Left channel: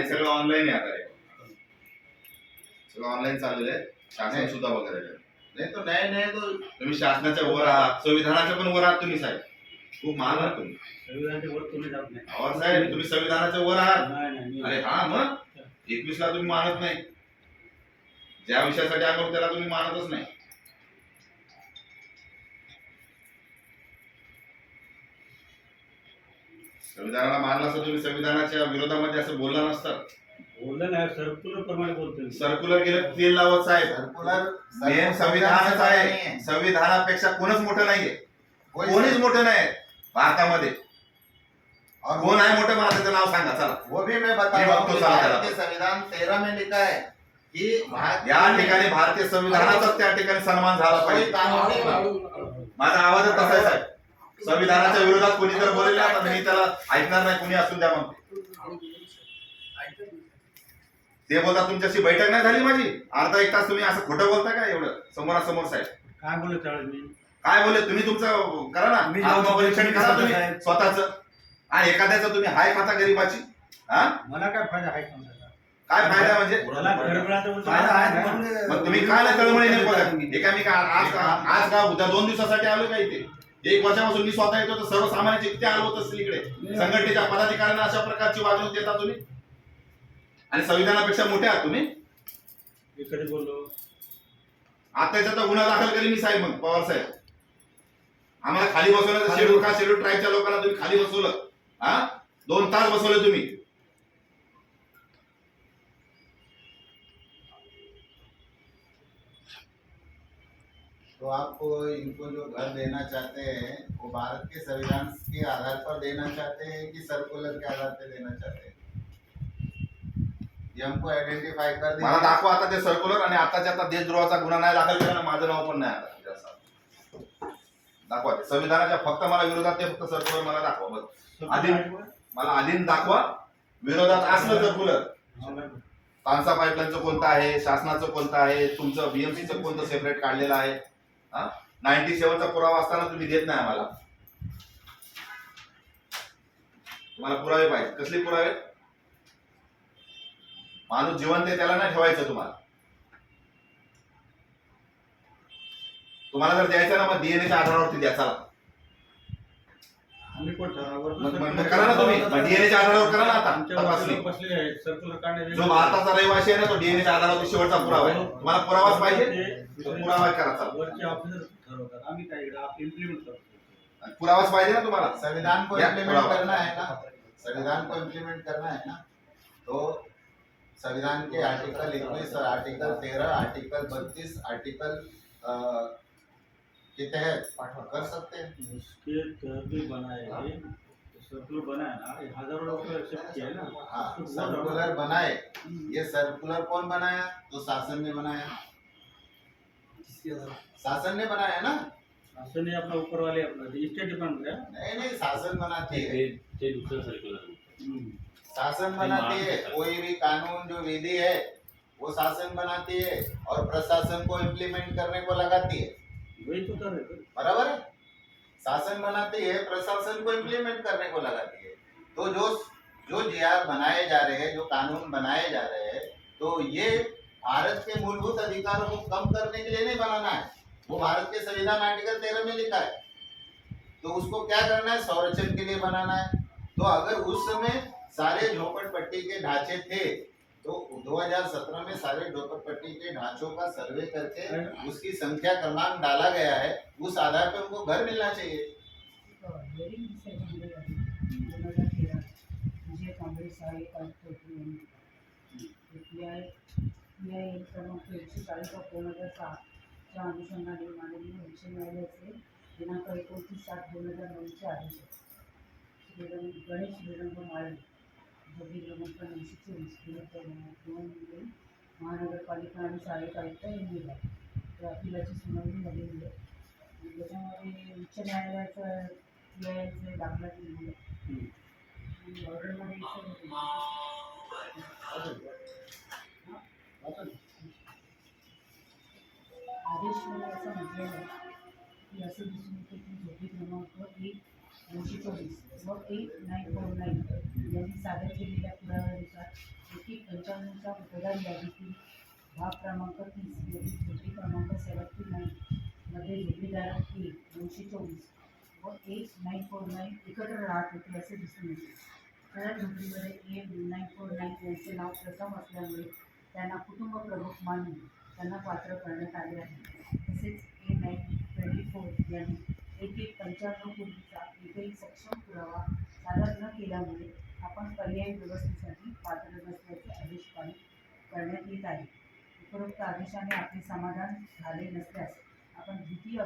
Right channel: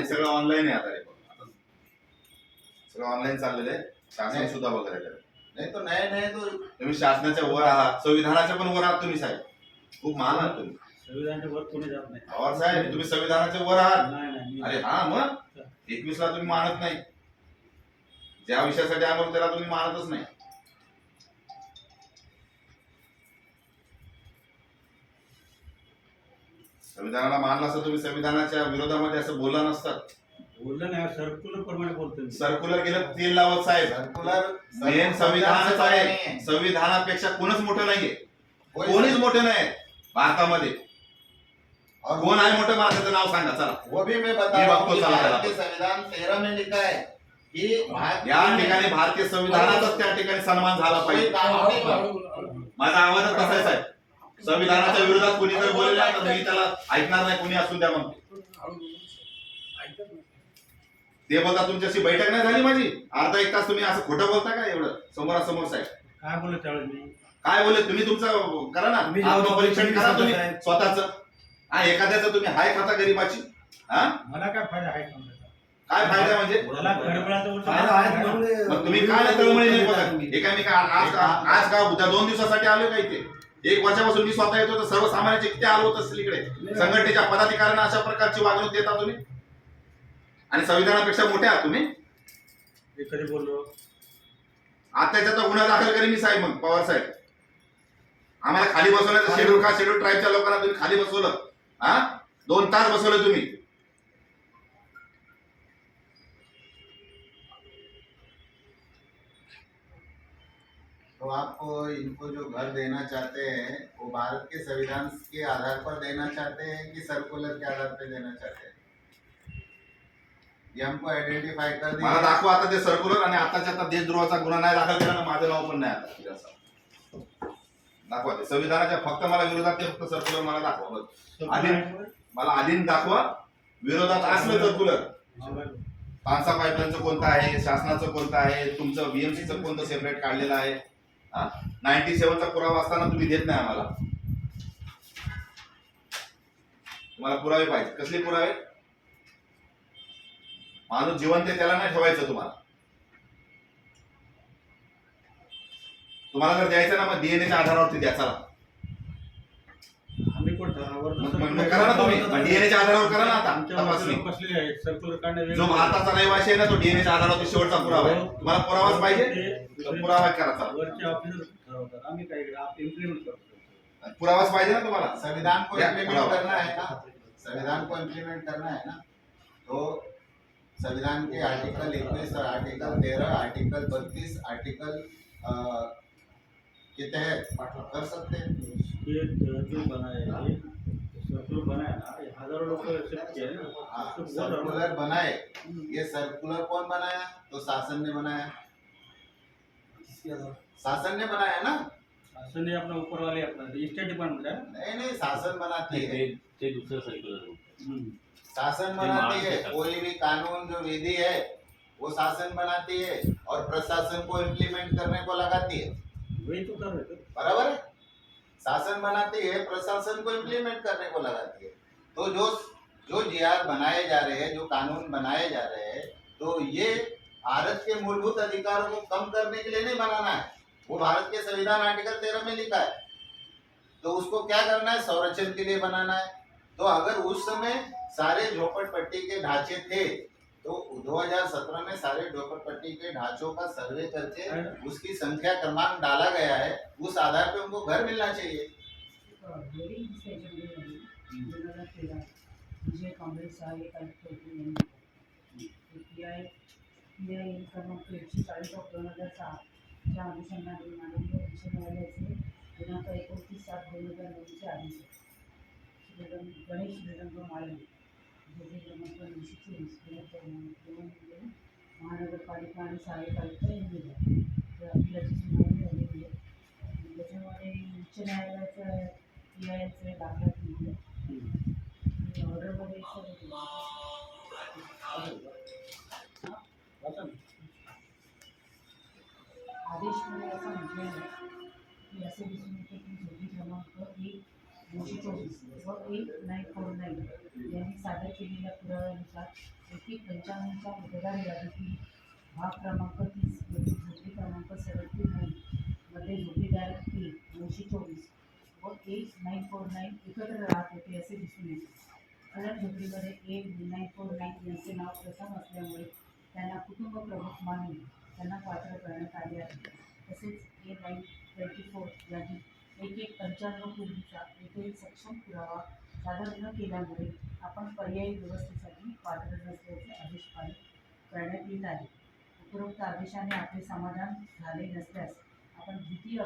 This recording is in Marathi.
आणि सगळं ऑनलाईन आहे आता रेकॉर्ड, सगळं ऑनलाईन चाललेलं आहे. शासन सुद्धा वगैरे नाही तो नाही तो तुम्ही शासनाच्या वर आहात, संविधानाच्या पण वर आहात तुम्ही साहेब, खूप महान आहात तुम्ही. संविधानाच्या वर कोणी जात नाही. पवार साहेब तुम्ही संविधानाच्या वर आहात. नाही. अरे हा मग 21 ला तुम्ही मानत नाही, ज्या विषयासाठी आम्हाला त्याला तुम्ही मानतच नाही. संविधानाला मानला असं तुम्ही संविधानाच्या विरोधामध्ये असं बोलला नसतं. बोललं नाही, सर्क्युलर प्रमाणे बोलतो मी. सर्क्युलर गेलं 3 लावत साहेब, मेन संविधानच आहे. संविधानापेक्षा कोणच मोठं नाहीये, कोणीच मोठं नाही भारतामध्ये. कोण आहे मोठं मला त्याचं नाव सांगा चला. वो भी मैं बता रहा हूं, भारतीय संविधान 13 में लिखा है की या ठिकाणी भारतीय संविधानाचाच त्या ठिकाणी सन्मान झाला पाहिजे. माझा आवाजच तसा आहे साहेब. संविधानाच्या विरोधात कोणी जर बोललेला तर मी त्याला ऐकणार नाही, कोणी असून द्या म्हणते. ते बोलता तुमच्याशी बैठक नाही झाली माझी, अर्धा एक तास तुम्ही असं खोटं बोलता का एवढं समोरासमोर साहेब? काय बोललो त्यावेळेस मी? काय बोलले तुम्ही? तुमचं करा ना, आत्मपरीक्षण करा तुम्ही स्वतःच. हा एखाद्याचं तुम्ही हाय खाता गरीबाची. हा मला काय फायदा आहे समजायचा? काय फायदा म्हणजे? मला घरगुळाचा उलटा फायदा आहे म्हणून मग तुम्ही काय तळमळीने बघा एकामेका. आज का उद्या 2 दिवसासाठी आलो का इथे? 1 वर्षापासून मी स्वतः येतो तर सर्वसामान्यांचे किती आलो होत असेल इकडे. संघटनेच्या पदाधिकाऱ्यांना अशा प्रकारची वागणूक देता तुम्ही आणि संविधानापेक्षा मोठे आहात तुम्ही. मी कधी बोललो? आता त्याचा गुन्हा दाखल करी मी साहेब. मग पवार साहेब आम्हाला खाली बसवलं, शेड्यूल का शेड्यूल ट्राईबच्या लोकांना तुम्ही खाली बसवलं. हा 2 तास बसवले तुम्ही. तो आपको इनको जो घर देना चाहते हैं वो भारत के संविधान के आधार पर देना चाहते हैं कि सर्कुलर के आधार पर देना चाहते हैं, ये हमको आइडेंटिफाई कर मला दाखवा आता ते सर्क्युलर. आणि आताच्या आता देशद्रोहाचा गुन्हा नाही दाखल केला ना, माझं नाव पण नाही आता. दाखवा ते संविधानाच्या फक्त मला विरोधात ते फक्त सर्क्युलर मला दाखवा बस. आधी मला आधी दाखवा विरोधात असलं सर्क्युलर. तानसा पाईपलाईनचं कोणतं आहे, शासनाचं कोणतं आहे, तुमचं बीएमसीचं कोणतं सेपरेट काढलेलं आहे. 97चा पुरावा असताना तुम्ही देत नाही आम्हाला. तुम्हाला पुरावे पाहिजे. कसले पुरावे? माणूस जिवंत आहे त्याला नाही ठेवायचं तुम्हाला. तुम्हाला जर द्यायचं ना मग डीएनएच्या आधारावरती द्या चला. आम्ही कोण ठरवणार? मग करा ना तुम्ही, डीएनएच्या आधारावर करा ना आता तपासणी. सर्क्युलर काढणे जो भारताचा रहिवासी आहे ना तो डीएनएच्या आधारावर शेवटचा पुरावा आहे. तुम्हाला पुरावाच पाहिजे तर पुरावा करा चला. वरचे ऑफिसर ठरवतात, आम्ही काय आपण इम्प्लिमेंट करतो. पुरावाच पाहिजे ना तुम्हाला. संविधान को या, इम्प्लीमेंट पुरावा. करना है ना, संविधान को इम्प्लीमेंट करना है ना, तो संविधान के आर्टिकल 21, आर्टिकल 13, आर्टिकल 32, आर्टिकल के तहत कर सकते हैं. ये जो बना है, सर्कुलर बना है ना, ये हजारों लोग एक्सेप्ट किया है ना. हाँ, सर्कुलर बनाए. ये सर्कुलर कौन बनाया? तो शासन ने बनाया. शासन ने बनाया ना. शासन ने अपना ऊपर वाले अपना स्टेट डिपार्टमेंट है. नहीं शासन बनाती है, ते दुसरं सर्क्युलर. शासन बनाती है. कोई भी कानून जो विधि है वो शासन बनाती है और प्रशासन को इम्प्लीमेंट करने को लगाती है. वही तो कर रहे. बराबर है. शासन बनाती है, प्रशासन को इम्प्लीमेंट करने को लगाती है. तो जो जीआर बनाए जा रहे हैं, जो कानून बनाए जा रहे हैं, तो ये भारत के मूलभूत अधिकारों को कम करने के लिए नहीं बनाना है. वो भारत के संविधान आर्टिकल 13 में लिखा है. तो उसको क्या करना है? संरक्षण के लिए बनाना है. तो अगर उस समय सारे झोपड़पट्टी के ढांचे थे तो 2017 में सारे झोपड़पट्टी के ढांचों का सर्वे करके उसकी संख्या क्रमांक डाला गया है. उस आधार पे उनको घर मिलना चाहिए. काँग्रेस आहे क्रमांक 140 ऑफ 2006 च्या अनुषंगाने माननीय उच्च न्यायालयाचे दिनांक 29/7/2009 चे आदेश गणेश श्रीरंग माळे जोगी क्रमांक 924 महानगरपालिका आणि सहाय्यक आयुक्त यांनी दिला. त्या अपिलाची सुनावणी झालेली आहे. त्याच्यामध्ये उच्च न्यायालयाचं न्यायालयाचे दाखला दिले ऑर्डरमध्ये आदेशमध्ये असं म्हटलेलं आहे की असे दिसून येते की जोगी क्रमांक 1/224 व 1949 यांनी सादर केलेल्या पुराव्यानुसार पंचावन्नच्या मतदार यादीतील भाग क्रमांक 30 मधील झोपडी क्रमांक 79 मध्ये जोडीदार 924 व 1949 एकत्र राहत होते असे दिसून येते. सदर झोपडीमध्ये 1949 यांचे नाव प्रथम असल्यामुळे त्यांना कुटुंब प्रमुख मानून त्यांना पात्र करण्यात आले आहे. तसेच 924 यांनी 1195 पूर्वीचा एकही सक्षम पुरावा सादर न केल्यामुळे आपण पर्यायी व्यवस्थेसाठी पात्र नसल्याचे आदेश पारित करण्यात येत आहे. उपरोक्त आदेशाने आपले समाधान झाले नसल्यास आपण द्वितीय